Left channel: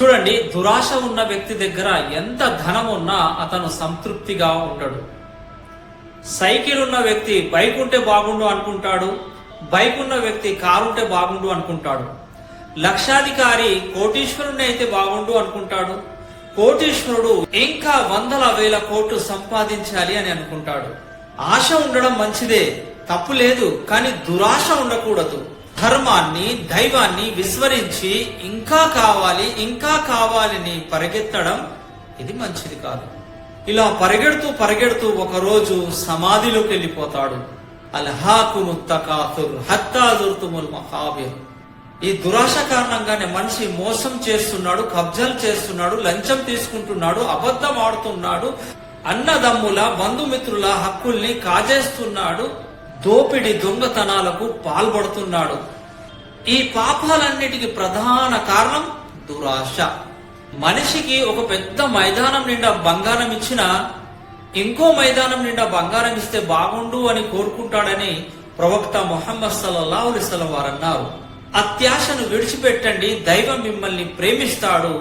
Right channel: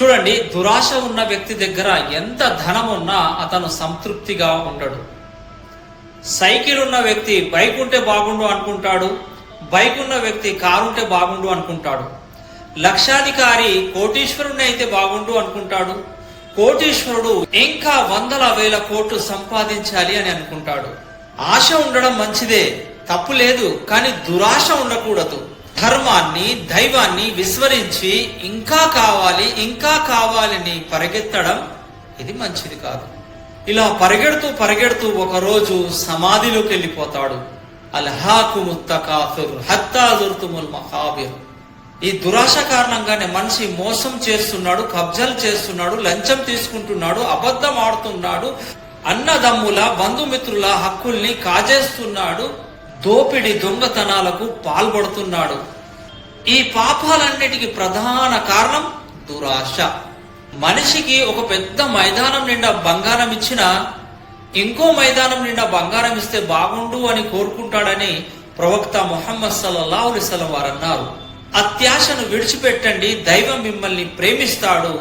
చూడండి, దురాశ ఉన్న వ్యక్తి దగ్గర ఎంత ధనం ఉన్నా అతను సంతృప్తిగా ఉండడు. సైకిల్ ఉన్న వ్యక్తి బైక్ ఉంటే బాగుండు అనుకుంటాడు, బైక్ ఉన్న వ్యక్తి కారు ఉంటే బాగుండు అనుకుంటాడు. లక్షాధికారి కోటీశ్వరుని అయితే బాగుండు అనుకుంటాడు, కోటీశ్వరుడు ఇంకా వందల వేల కోట్లు సంపాదించాలి అని అనుకుంటాడు. ఆశ ఉండడం మంచిదే, తప్పు లేదు, కానీ దురాశ ఉండకూడదు. ధర్మాన్ని దైవాన్ని విస్మరించి ఇంకా కావాలని పరిగెత్తడం ఇది మంచిది కాదు. ఇలా పరిగెడుతూ ఒకరోజు సమాధిలోకి వెళ్ళిపోతాడు. అల్హాకుము తకాసుర్ హత్తా జుర్తుముల్ మఖాబిర్. ఈ దురాశ కారణంగానే మనిషి మోసం చేస్తున్నాడు, కబ్జాలు చేస్తున్నాడు, లంచం తీసుకుంటున్నాడు, అబద్ధం ఆడుతున్నాడు, అన్నదమ్ముల బంధుమిత్రుల హక్కుల్ని కాజేస్తున్నాడు, దోపిడి దొంగతనాలకు పాల్పడుతున్నాడు. ఈ పాపాలన్నిటికీ ప్రధాన కారణం దురాశ. మనిషికి ఒక పెద్ద మైదానం నిండా బంగారం ఇచ్చినా ఇంకో మైదానం నిండా బంగారం ఇస్తే బాగుండు అని కోరుకుంటాడని ప్రవక్త ముహమ్మద్ సల్లల్లాహు అలైహి వసల్లం వారు అన్నారు. అత్యాశను విడిచిపెట్టండి, దైవం మిమ్మల్ని ప్రేమిస్తాడు.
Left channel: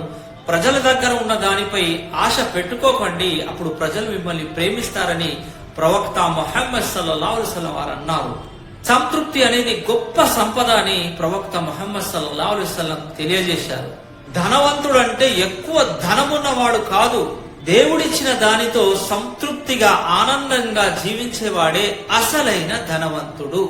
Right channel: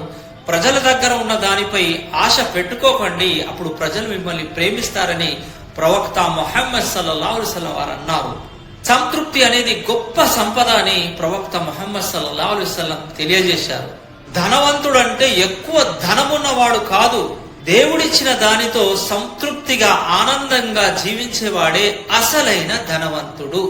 ప్రజల దగ్గర ఉన్న దానిపై ఆశ పెట్టుకోకండి, అప్పుడు ప్రజలు మిమ్మల్ని ప్రేమిస్తారని ప్రవక్త ముహమ్మద్ సల్లల్లాహు అలైహి వసల్లం వారు అన్నారు. సంతృప్తి అనేది గొప్ప సంపద అని ప్రవక్త ముహమ్మద్ సల్లల్లాహు అలైహి వసల్లం తెలియజేశారు. ధనవంతుడు అంటే ఎక్కువ ధనమున్నవాడు కాదు, దేవుడిచ్చిన దానితో సంతృప్తిగా ఆనందంగా జీవించేవాడే అసలైన ధనవంతుడు.